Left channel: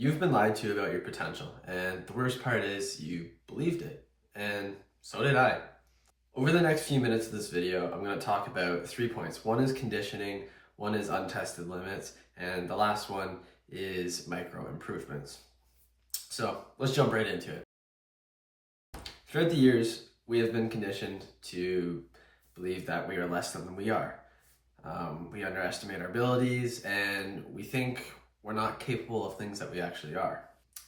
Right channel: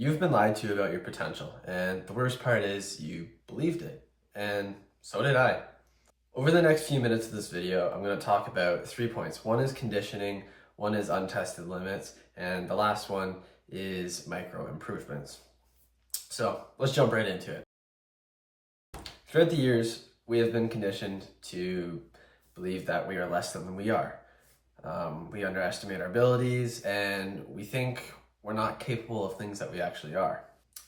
You've been lied to about your potential, and the worst part is you believed it, and so did I. Over the next few minutes of this video, I'm going to talk about 3 points. One is conditioning, one is untested limits, and the last one is micro improvements. So let's jump right into it. Throughout the years, we have been conditioned to believe that we are less than we are. We underestimate our abilities, and we think we're not capable of things that we actually are.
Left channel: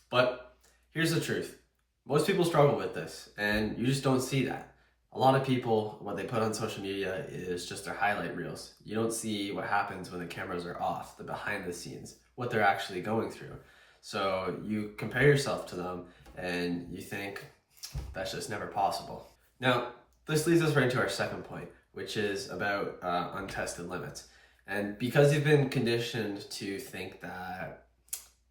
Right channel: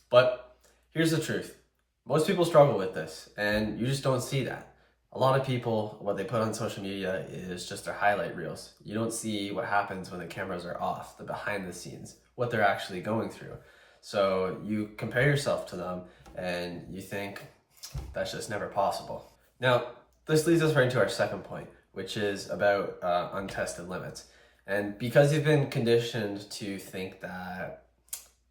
But here's the truth. Most people struggle with this, and you just don't see that. A lot of people, what they put on social media is just their highlight reels. You don't see what happens when the cameras are off, the behind the scenes, what they're actually going through. So you compare yourself to them and you think that's just never possible. Now, this leads us right into our second point, which is about untested limits. And because you've been conditioned to think that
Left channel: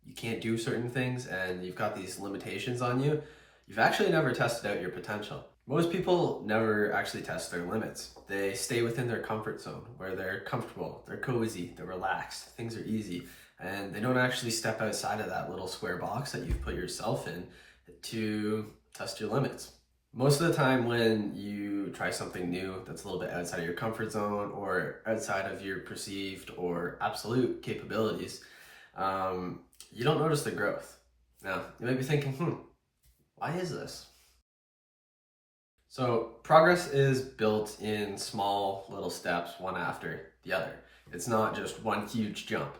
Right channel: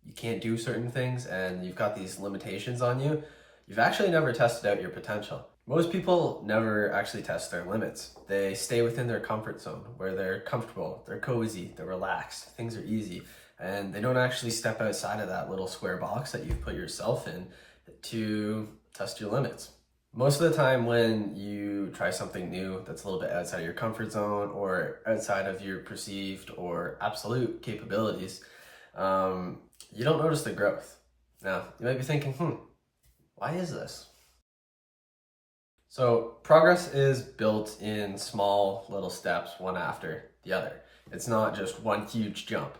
you can't do certain things and you've got these limitations on you, you've actually never tested out your potential. Most people never actually test their limits. They stay within their comfort zone where they're comfortable, they're cozy, they're relaxed, things are easy, and they don't actually step outside of that little square box that you've put yourself in to test your limits. Most of the time when you try something new that's a little bit outside of your comfort zone or outside of your perceived or absolute capabilities, you don't notice the growth. Now, you might be thinking, why is this? So progress is built in small little steps, one after the other. It's not just one huge jump.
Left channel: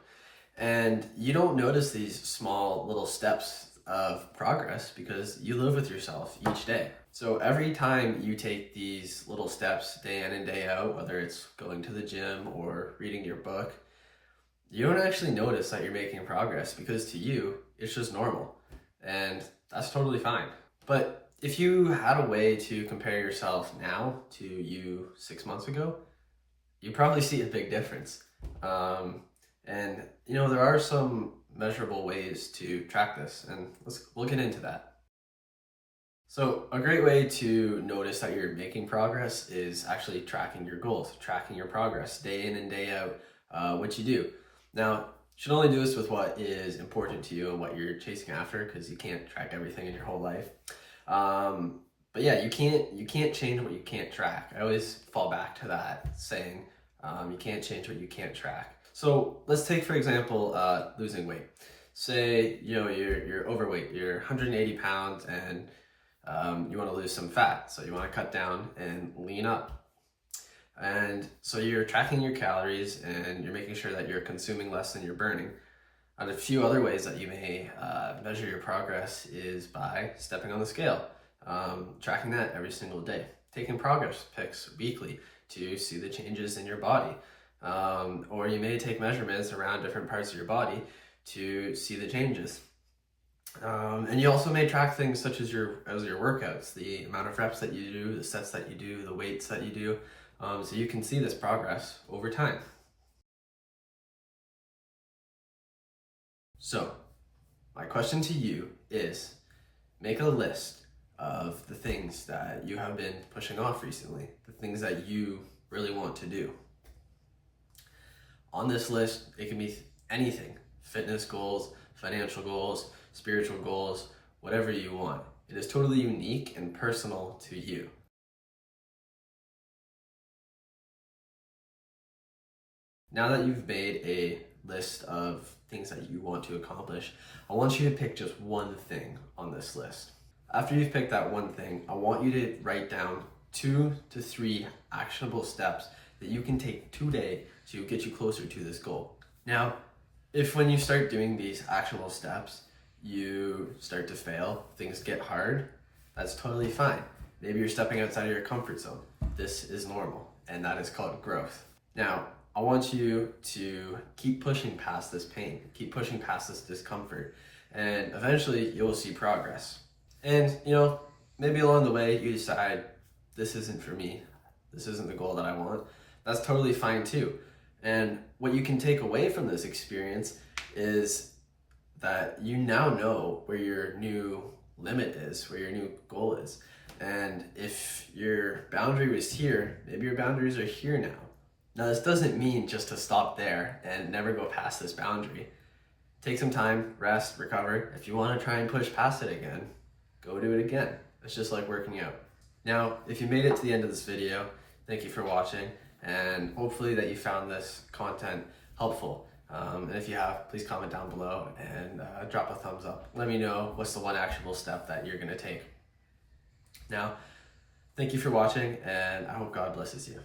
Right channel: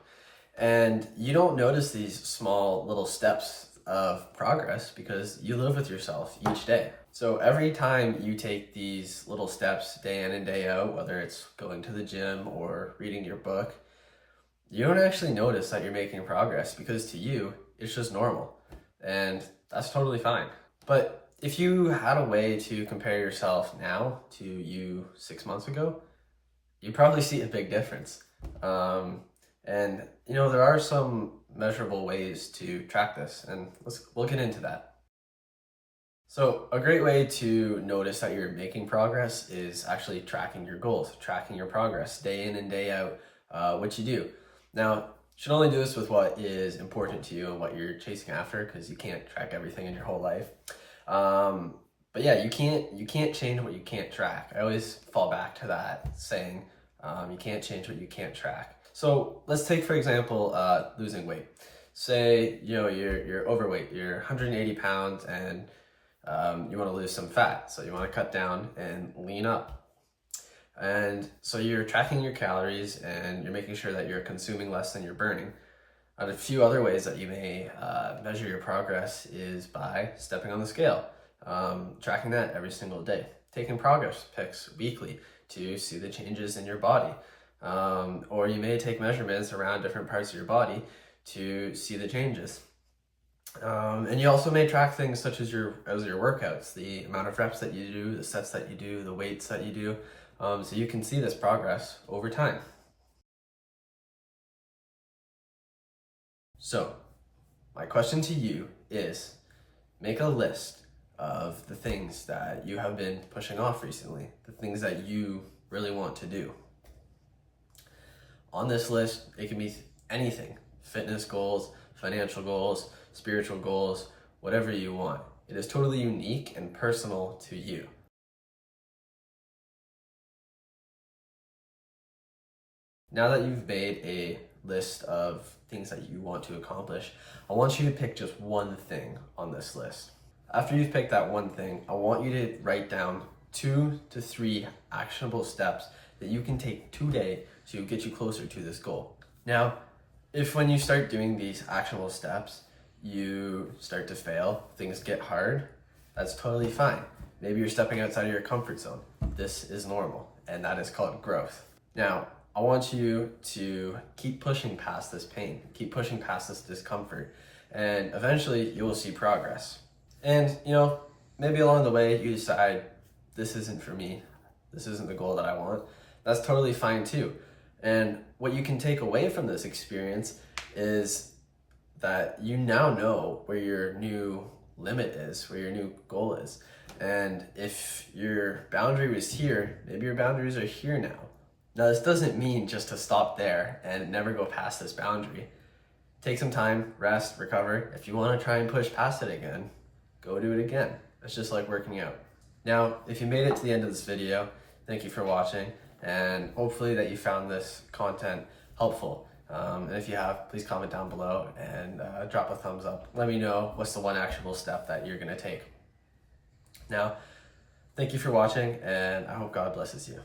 And you don't notice these small little steps of progress because you live with yourself each day. So every time you take these little steps day in and day out, whether it's going to the gym or reading your book, you don't actually notice that you're making progress because to you, it's just normal. And that's totally fine. But if you had a way to compare yourself now to you 6 months ago, you probably see a big difference. And there are some measurable ways to track this, and we'll get into that. So a great way to notice that you're making progress is actually tracking your goals, tracking your progress day in and day out, what you do. Now, you should only do this with what is important to you and what you're chasing after, because you can't track everything in your whole life. But yeah, you can't change what you can't track. I always fall back to that saying, you can't change what you can't track. So let's take, for example, losing weight. Say, you're overweight, you're 180 pounds and you want to lose some fat. So you want to cut down and lean up. And so you're tracking your calories and you're making sure that you're consuming less than you're burning. And a few other ways that you may measure your progress is by stepping on the scale, tracking that every single day, taking progress pics weekly to see the changes in your body. Or you may take measurements around different parts of your body to see the changes. And you also may track things such as your workouts, the amount of reps that you do, the sets that you do, the weights that you do, so you can see this progress over time. So, my question to you is, make a list of the things that you have been pushing off recently, the things that you really want to do. On this list, it can be anything: fitness goals, financial goals, spiritual goals, whatever you want. It is totally unique and personal to you. Now that you've made a list of things that you want to accomplish, I want you to pick just one thing on this list. After you've picked that one thing, I want you to write down 2 to 3 actionable steps that you can take today to get you closer to this goal. Now, if when you start doing these actionable steps, you start to fail, things get hard, that's totally fine. Maybe you're stepping outside of your comfort zone. This is normal, and that is called growth. Now, I want you to keep pushing past this pain, keep pushing past this discomfort, and eventually you will see progress. And, maybe along the way you decide, this isn't for me, this isn't the goal that I want. That's totally fine too. And what you can take away from this experience is that you now know where your new limit is, where your new goal is. And if your boundary was here, maybe your boundaries are here now. Now, this doesn't mean just to stop there and never go past this boundary. take some time, rest, recover. If you want to try and push past it again, go do it again. It's just like working out. Now, if you made it to the end of this video, thank you for watching, and hopefully that you found this content helpful. And if you have, please comment down below and drop a thumbs up. Let me know what's the one actionable step that you're gonna take. Now, thank you for watching, and I hope God blesses you.